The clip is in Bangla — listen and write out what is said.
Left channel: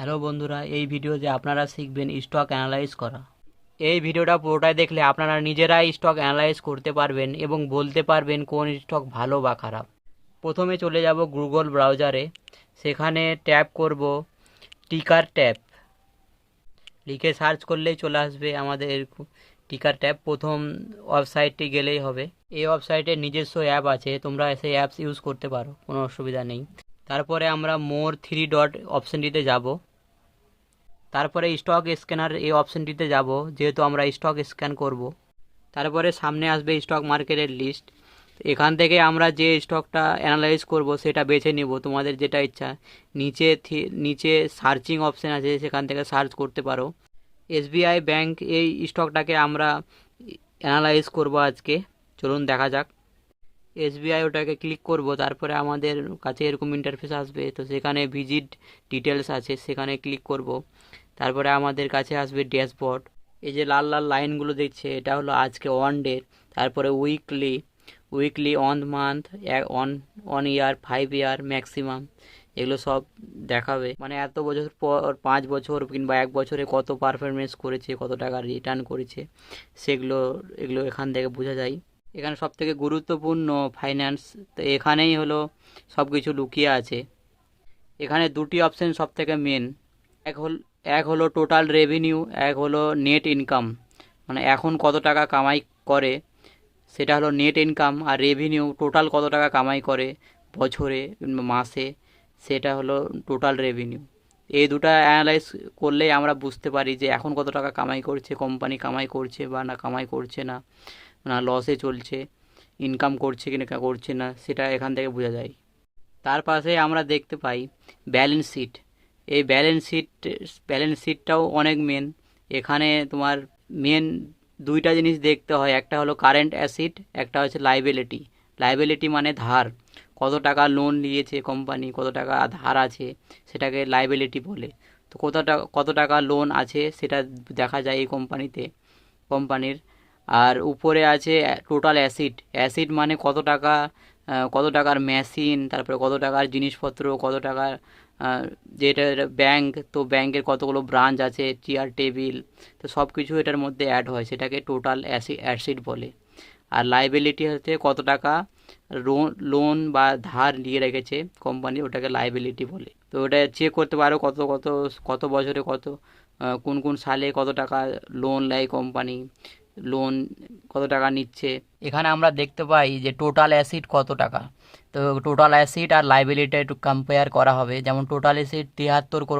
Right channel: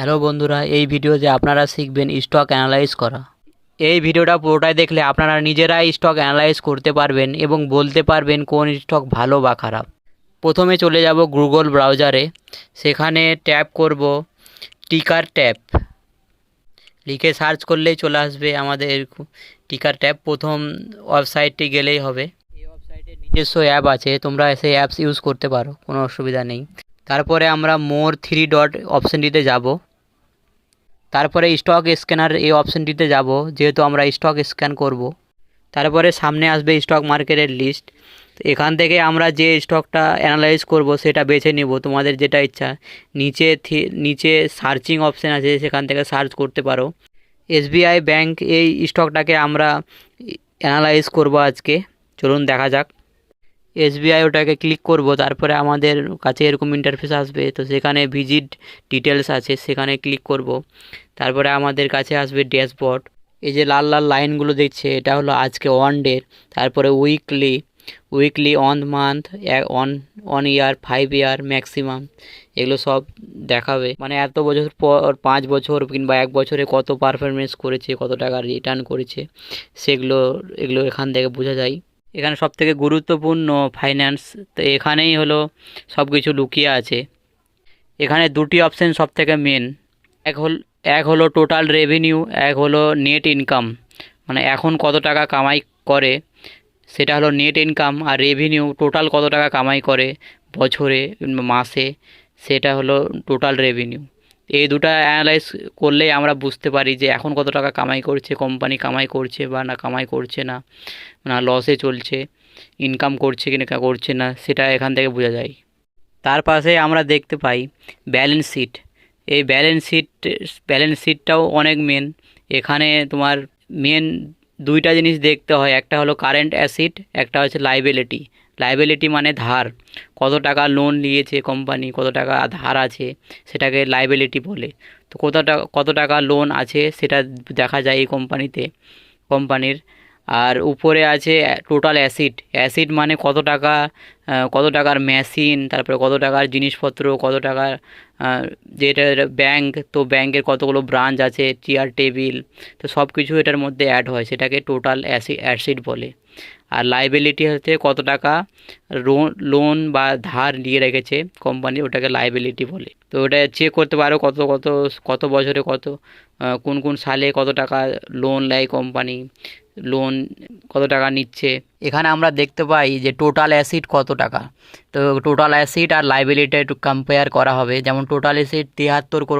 হ্যালো বন্ধুরা, এই ভিডিওতে আপনারা শিখবেন স্টক অ্যানালাইজ করা। এই ভিডিওটা পুরোটাই দেখলে আপনারা নিজেরাই স্টক অ্যানালাইজ করতে পারবেন এবং বলতে পারবেন কোন স্টক ভালো বা খারাপ। প্রথমে চলে যাব গুগল ব্রাউজারে, সেখানে ট্যাপ করব টিকার ট্যাপ, লিখে সার্চ করলেই চলে আসবে আমাদের টিকার ট্যাপ। প্রথম ওয়েবসাইটটি গেলেই হবে। এই ওয়েবসাইটের নিজস্ব অ্যাপ আছে, তোমরা সেই অ্যাপস ইউজ করতে পারো, কোনো অসুবিধা নেই। তারপরে আমরা মোর 3 ডট অপশানটিতে যাব। তারপরে স্টক স্ক্যানার এই অপশানটিতে যাব, যেহেতু আমরা স্টক স্ক্যান করব। তারপরে সামনে আসবে স্টক মার্কেটের লিস্ট। তো এখান থেকে আমরা যে স্টকটা অ্যানালাইজ করব সেটা বেছে নিব, তোমাদের যেটা ইচ্ছা। নিচে সার্চিং অপশান আছে, সেখান থেকে সার্চ করতে পারো। এসবিআই ব্যাংক এই স্টকটাকে আমরা অ্যানালাইজ করব আজকে। চলুন দেখা যাক। এসবিআই ওটাকে ক্লিক করব, তারপরে আমাদের কাছে এরকম ইন্টারফেস আসবে। তো সেখানে ভিজিট ডিটেলস আছে, সেখানে ক্লিক করব। তারপরে আমাদের কাছে আসবে ড্যাশবোর্ড। এই যে লাল লাল লাইনগুলো দেখছে, এটা হলো আজকে ওয়ান ডে। তারপরে weekly, on month, on on year, 5 year maximum, এগুলো সব দেখাবে। মানে এত বছর পর, 5 বছর কিংবা 1 বছরে কত পারফরমেন্স করেছে, কত টাকা রিটার্ন করেছে, এগুলো এখান থেকে বোঝা যায়। এখানে সবথেকে গুরুত্বপূর্ণ ফাইন্যান্স, তো এখানেই হলো সব কিছু লুকিয়ে আছে। এখানে দুটি অপশান সবথেকে মেন। এক হল এক হলো টোটাল রেভিনিউ, এক হলো নেট ইনকাম। মানে এখন কত টাকা কামাই করে সেটা হলো নেট ইনকাম, আর রেভিনিউ টোটাল কত টাকা কামাই করে বছরে কিংবা মাসে, সেটা হলো টোটাল রেভিনিউ। এই দুটো অ্যানালাইজ করলেই আমরা বুঝতে পারি যে এখন কত টাকা কামাই করছে কোম্পানি, কামাই করছে বা না কামাই করছে না, না লসে চলছে, ইনকাম করছে কি না করছে না, সেটা এখান থেকে বোঝা যায়। তার পাশে আমরা দেখতে পাই ব্যালেন্স শিট। এই ব্যালেন্স শিটটাও অনেক মেন। এখানে তোমার মেন দুইটা জিনিস দেখতে হয়, একটা হলো কারেন্ট অ্যাসেট, একটা হচ্ছে লাইবিলিটি। লাইবিলিটি মানে ধার, কত টাকা লোন নিয়েছে কোম্পানি, কত টাকা ধার আছে, সেটাকে লাইবিলিটি বলে। তো কত টাকা লোন আছে সেটা দেখা যায় এই কোম্পানির। আর উপরে আছে টোটাল অ্যাসিড মানে কত টাকার মেশিন, তারপরে কত টাকার জিনিসপত্র, কত টাকার যেটা ব্যাংক, তো ব্যাংকের কতগুলো ব্রাঞ্চ আছে, চেয়ার টেবিল, তো সব কিছু এটার মধ্যে অ্যাড হয়, সেটাকে টোটাল অ্যাসিড বলে। আর লাইবিলিটি হচ্ছে কত টাকা লোন বা ধার নিয়ে রেখেছে কোম্পানি, ওটাকে লাইবিলিটি বলে। তো ওটা চেক করতে পারো কত কত কত বছরে কোন কোন সালে কত টাকা লোন নেয় কোম্পানি, লোন কত টাকা নিচ্ছে। এখানে আমরা দেখতে পাই যে টোটাল অ্যাসিড কত টাকা। তো টোটাল অ্যাসিড আর লাইবিলিটি একটু কম্পেয়ার করা হবে। যেমন টোটাল অ্যাসিড 73